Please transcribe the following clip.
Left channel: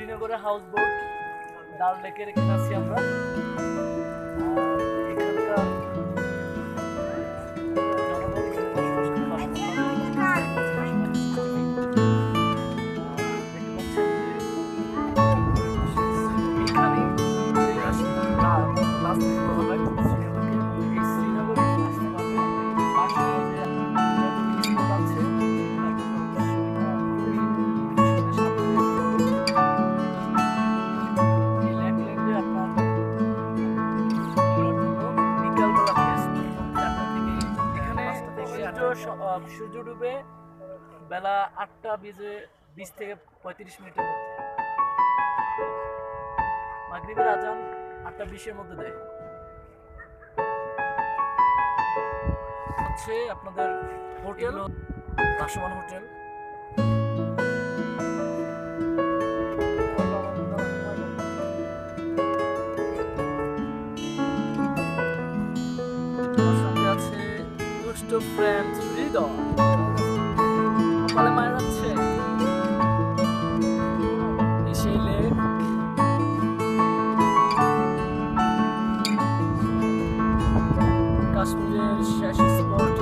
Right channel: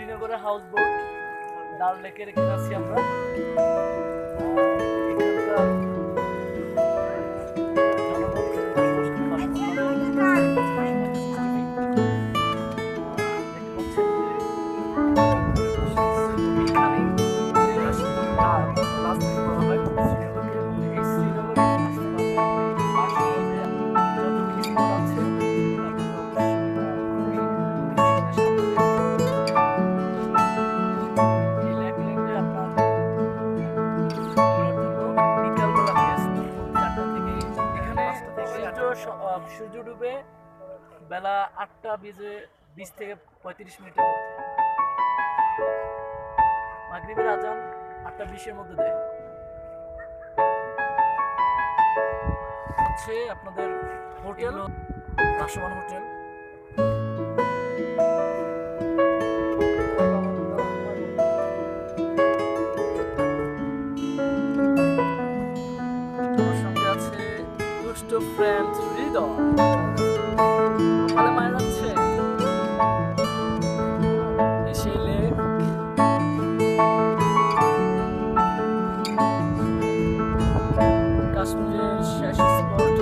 শ্রীনগরের house boat ডাল লেকের এখানে আছি আমরা। এখানকার জনগণ এখানে বসবাস করে এখানেই রাজধানী বলা হয় শ্রীনগরকে। এই শ্রীনগরে আসতে পারলে আপনি পার্শ্ববর্তী যত স্পট আছে সূর্য ডুবে বেলা 8:20 থেকে 35 মিনিটের মধ্যে। মাগরিবের আজান 8:20-এর মধ্যে দেয়। হচ্ছে আপনাদের হোটেল, ভাসমান হোটেল। আমার সঙ্গে আছে দুষ্ট ফ্রেন্ড হৃদয়। কপালে মায়া যাচ্ছে এই সেই লেক। কাশ্মীরের শেষ স্পট